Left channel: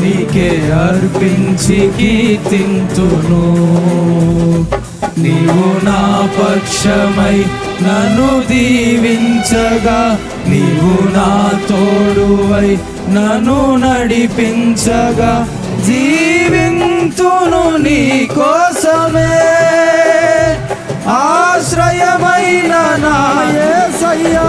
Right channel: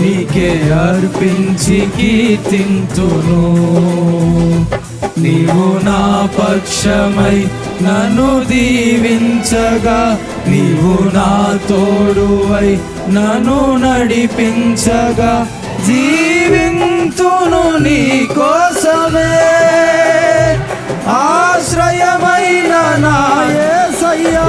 నీకే అర్పించి కీర్తింతును. నీవు నా పక్షమై నన్ను దీవించగా నీవు నా తోడువై నన్ను నడిపించగా జీవింతును నీ కోసమే. ఆశ్రయమైన నాయసయ్యా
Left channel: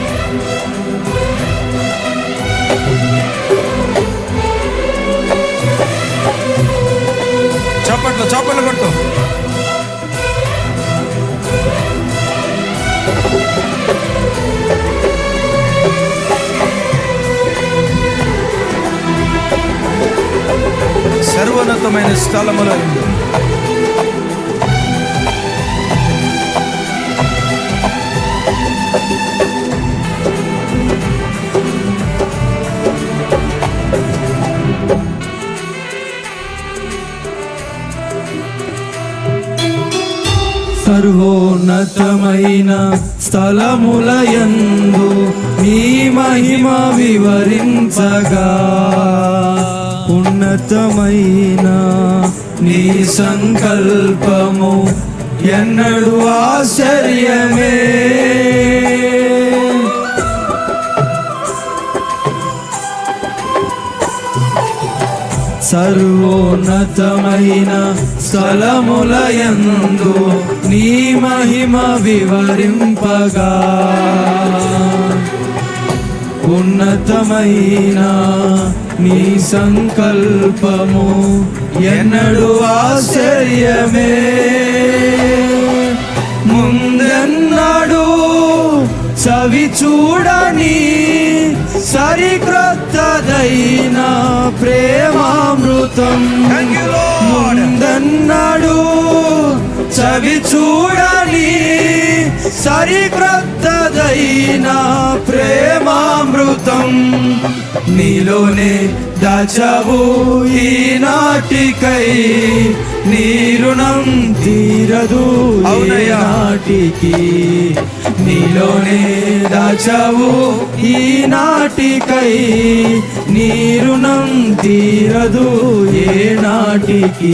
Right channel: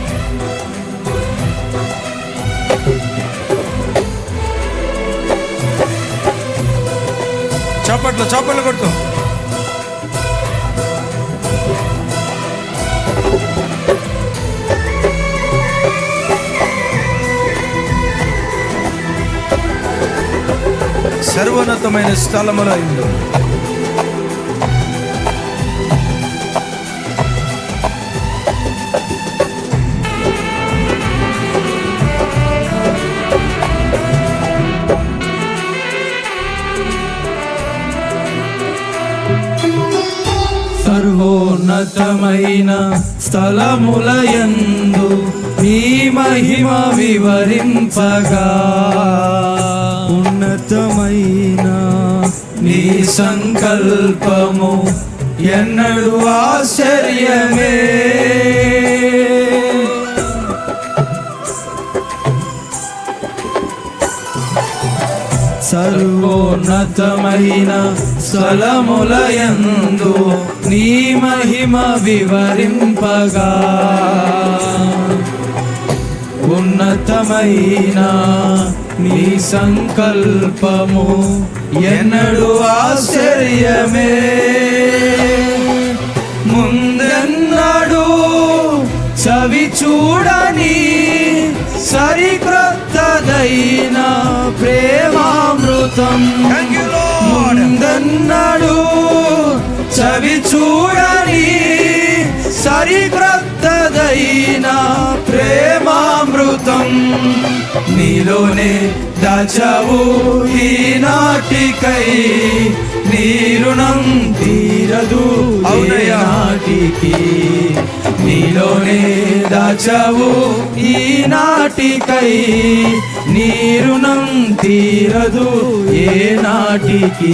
చప్పట్లు చప్పట్లు కొడుతూ. సర్వోన్నతమైన స్థలములో ఇందు సర్వోన్నతమైన స్థలములయందు నీ మహిమ వివరించగా. ఉన్నతమైన నీ సంకల్పము ఎన్నడు ఆశ్చర్యమే. సర్వోన్నతమైన స్థలములయందు నీ మహిమ వివరింపగా. ఉన్నతమైన నీ సంకల్పము ఎన్నడు ఆశ్చర్యమే. ముందెన్నడు చవి చూడని సరిక్రొత్తదైన ప్రేమామృతం. ముందన్నాడు చవి చూడని సరిక్రొత్తదైన ప్రేమామృతం. నీలోనే దాచవు ఈనాటికై నీ రుణం తీరదు. నాటికి. నీలోనే దాచవు ఈనాటికై నీ రుణం తీరదు ఏ నాటికి.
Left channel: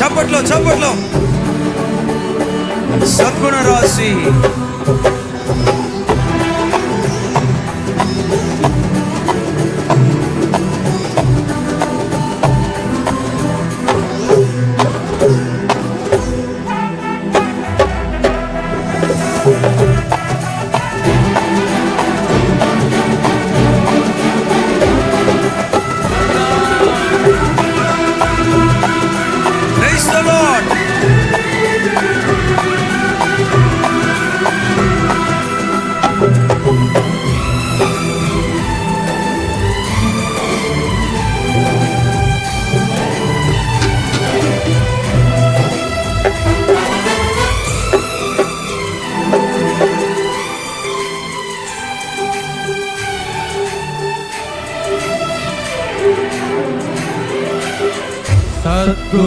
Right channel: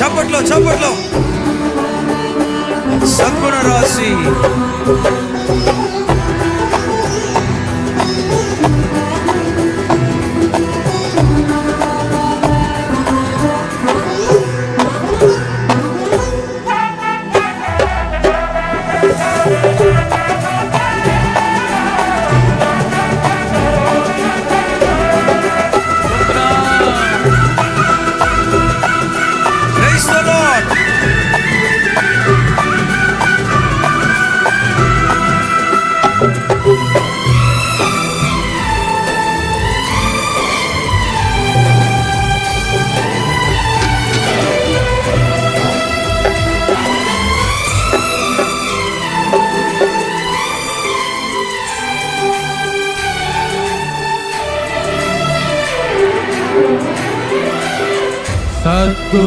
చప్పట్లో చప్పట్లో. సద్గుణ రాశి.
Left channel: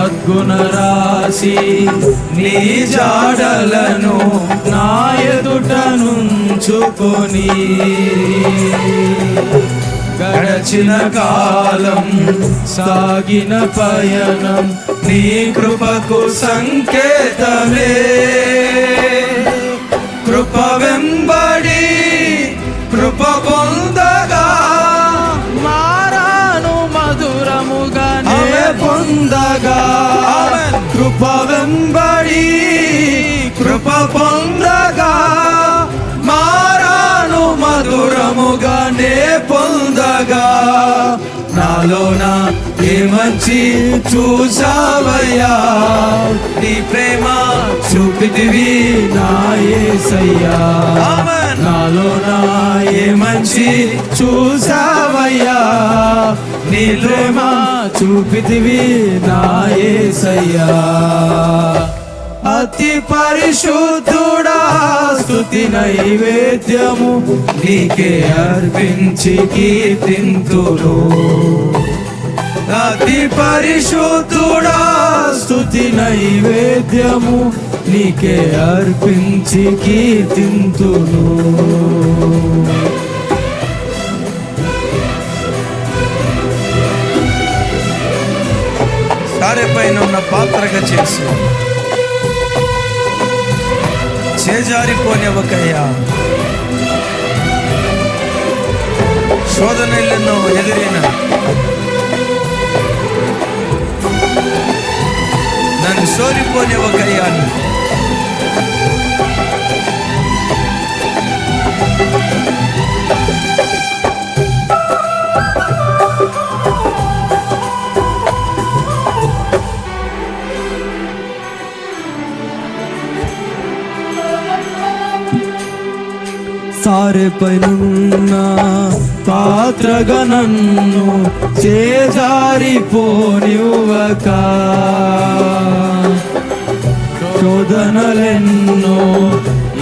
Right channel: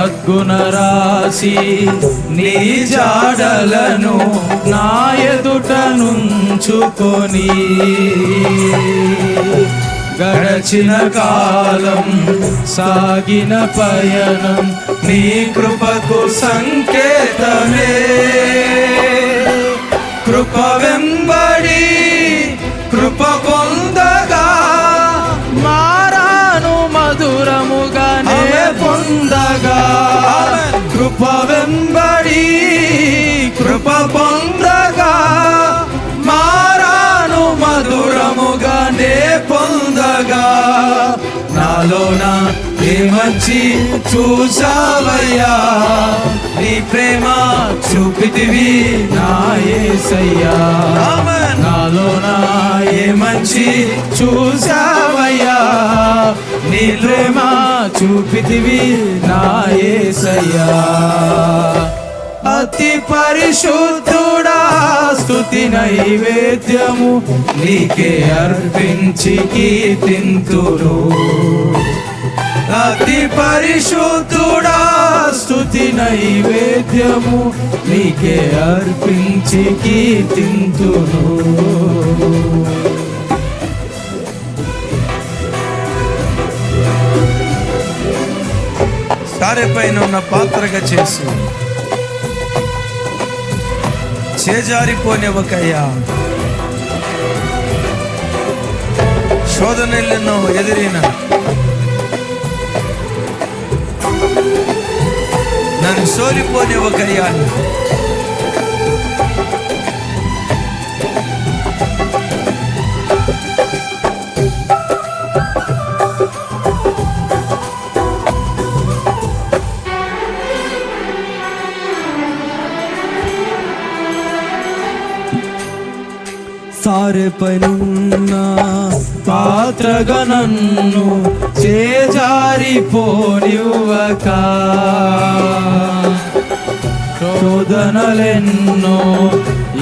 సద్గుణ రాశి నీ జాడలను నా ఎదుట నుంచుకొని గడచిన కాలం సాగిన పయనం నీ కృపకు సంకేతమే. కృప వెంబడి కృప పొందగా మారాను మధురముగానే పొందగా ఆమేన్. కృప వెంబడి నాలోన ఏ మంచి చూసావయ్యా నీ ప్రేమ చూపితివి నా ఆమేన్. నాలోన ఏ మంచి చూసావయ్యా నీ ప్రేమ చూపితివి నా యేసయ్యా అతి పరిశుద్ధుడా స్తుతి నైవేద్యము నీకే అర్పించి కీర్తింతును. అతి పరిశుద్ధుడా స్తుతి నైవేద్యము నీకే అర్పించి కీర్తింతును. సారె పైన ఉన్న పాత్రగా చేసి. చేజారిపోనివ్వకయ్యా శోధనెల్లెన్నో ఎదిరిన నన్ను సోలిపోనివ్వకయ్యా నువ్వు. సారెపైనున్న పాత్రగా నన్ను చేజారిపోనివ్వక. శోధనలెన్నో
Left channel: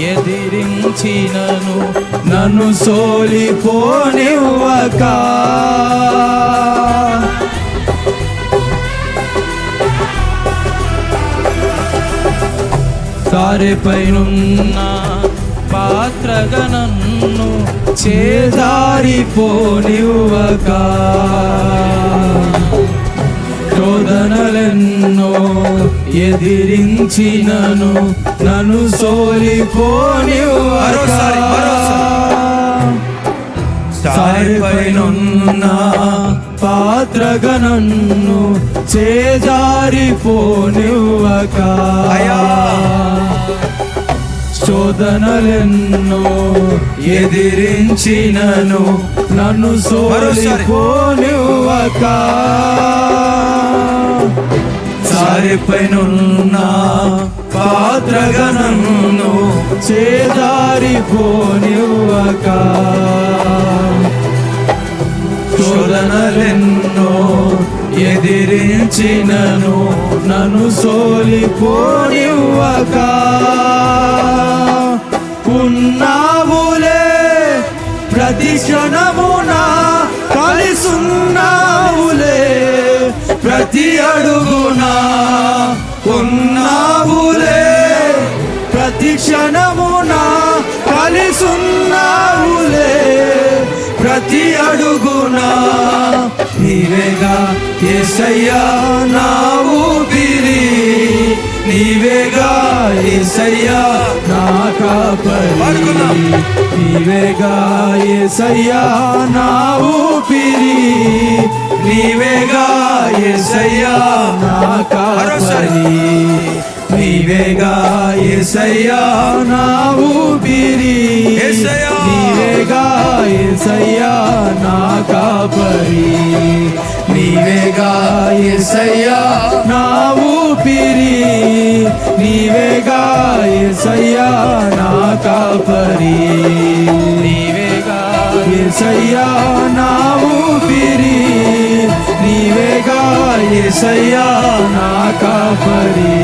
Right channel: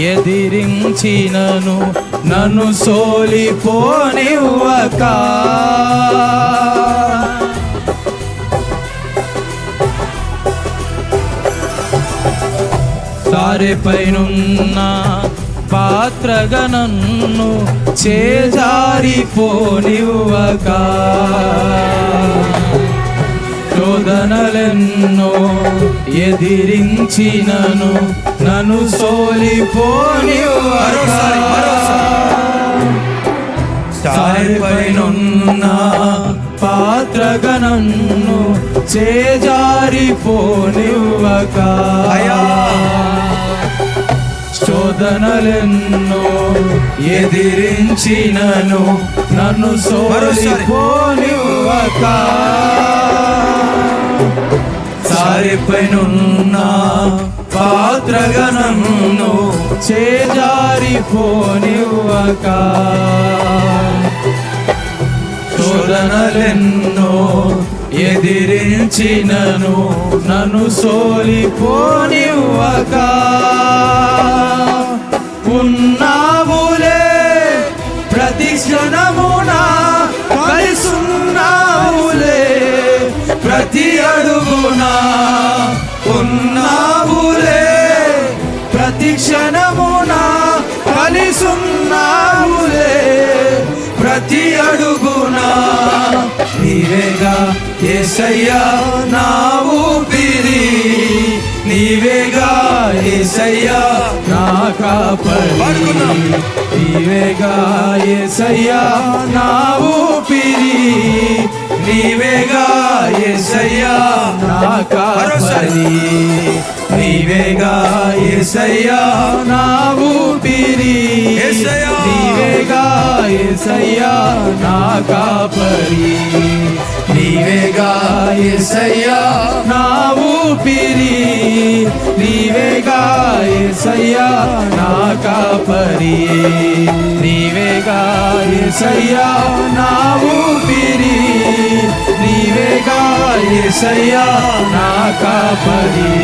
ఎదిరించినను నన్ను సోలిపోనివ్వక. సారెపైనున్న పాత్రగా నన్ను చేజారిపోనివ్వక. శోధనలెన్నో ఎదిరించినను నన్ను సోలిపోనివ్వక. మరోసారి, సారిపైనున్న పాత్రగా నన్ను చేజారిపోనివ్వక. అయ్యా. శోధనలెన్నో ఎదిరించినను నన్ను. సోలిపోనివ్వక. సారిపైనున్న పాత్రగా నన్ను చేజారిపోనివ్వక. శోధనలెన్నో ఎదిరించినను నన్ను సోలిపోనివ్వక. ఉన్నావులే. ప్రతి క్షణమున కలిసున్నావులే. ప్రతి అడుగునా ఉన్నావులే. ప్రతి క్షణమున కలిసున్నావులే. ప్రతి అడుగునా నీవేగా ఏసయ్యా నా ఊపిరి. నీవేగా ఏసయ్యా నా కాపరి. నీవేగా ఏసయ్యా నా ఊపిరి. నీవేగా ఏసయ్యా నా కాపరి. నీవేగా ఏసయ్యా నా ఊపిరి. నీవేగా ఏసయ్యా నా కాపరి. నీవేగా ఎసయ్యా నా ఊపిరి నీవేగా ఎసయ్యా నా కాపరి. నీవేగా ఎసయ్యా నా ఊపిరి నీవేగా ఎసయ్యా నా కాపరి.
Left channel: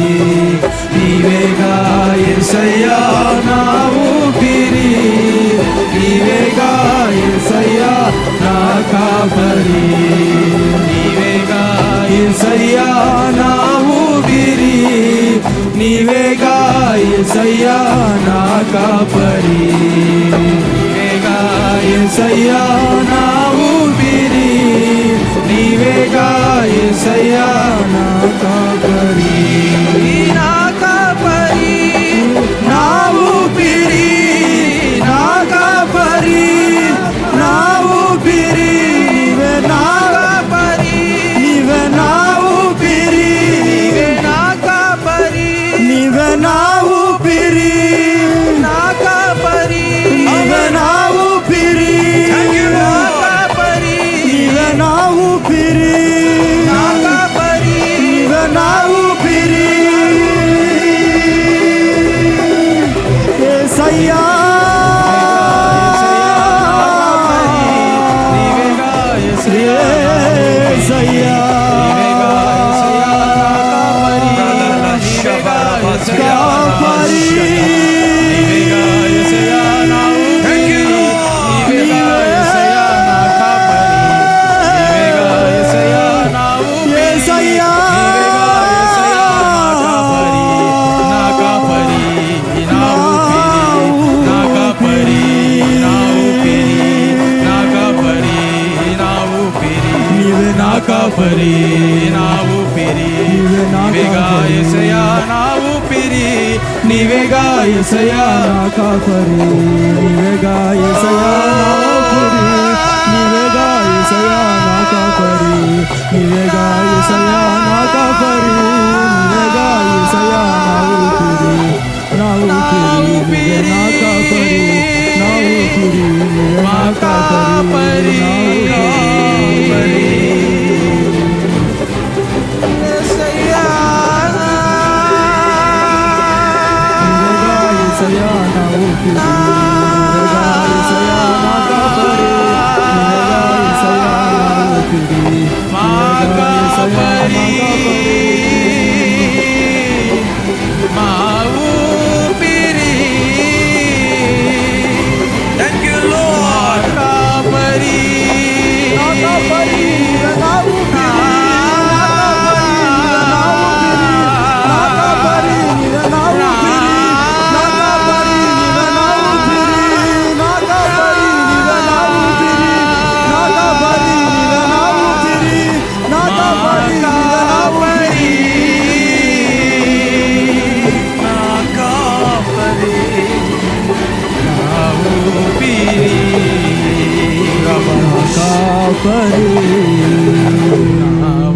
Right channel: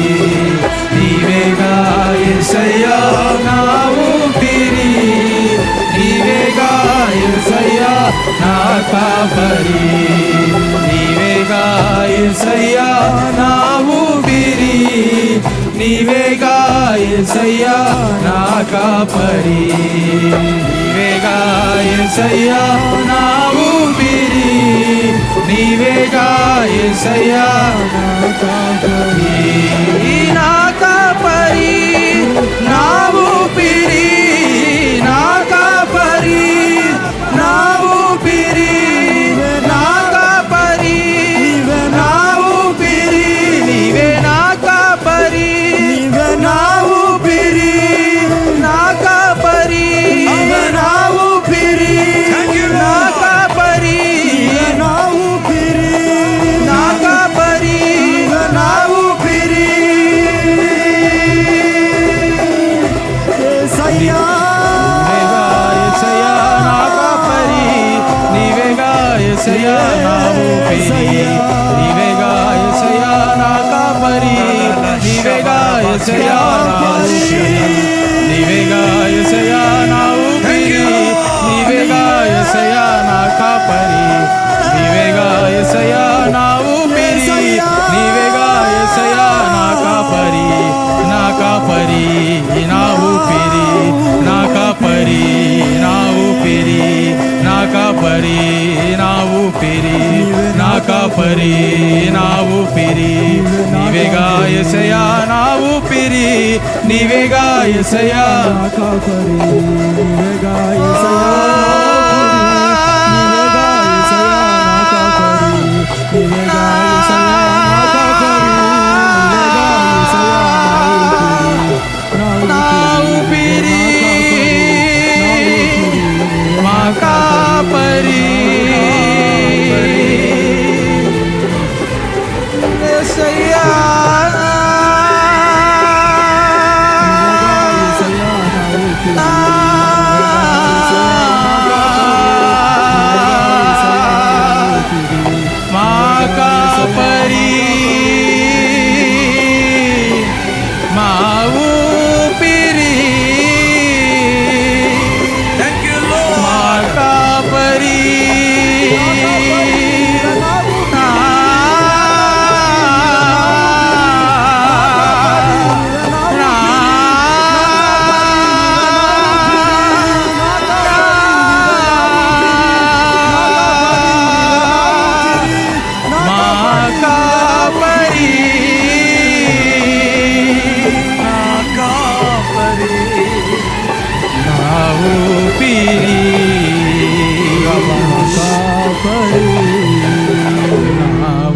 నీవేగా ఎసయ్యా నా ఊపిరి నీవేగా ఎసయ్యా నా కాపరి. నీవేగా ఎసయ్యా నా ఊపిరి. నీవేగా ఎసయ్యా నా కాపరి. నీవేగా ఎసయ్యా నా ఊపిరి. నీవేగా ఎసయ్యా నా కాపరి. నా కాపరి నా నీవే నా ఊపిరి నా కాపరి నీవే నా ఊపిరి Thank you, నా Lord. కాపరి నీవే నా నీవేగా యేసయ్యా నా నా కాపరి నా ఊపిరి నీవే నా నీవేగా కాపరి. ఎసయా నా ఊపిరి నీవేగా ఎసయా నా కాపరి నీవేగా ఏసయ్యా నీవేగా ఏసయ్యా నా కాపరి నీవేగా ఏసయ్యా నా కాపరి నీవేగా ఏసయ్యా నా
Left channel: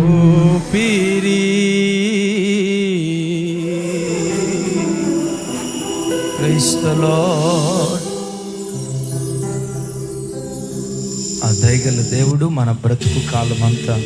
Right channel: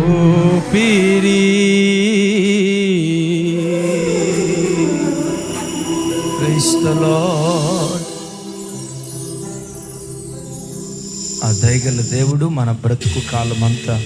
ఊపిరి క్రైస్తలో ఆ దయగల దేవుడు మన బ్రతుకు కాలమంతా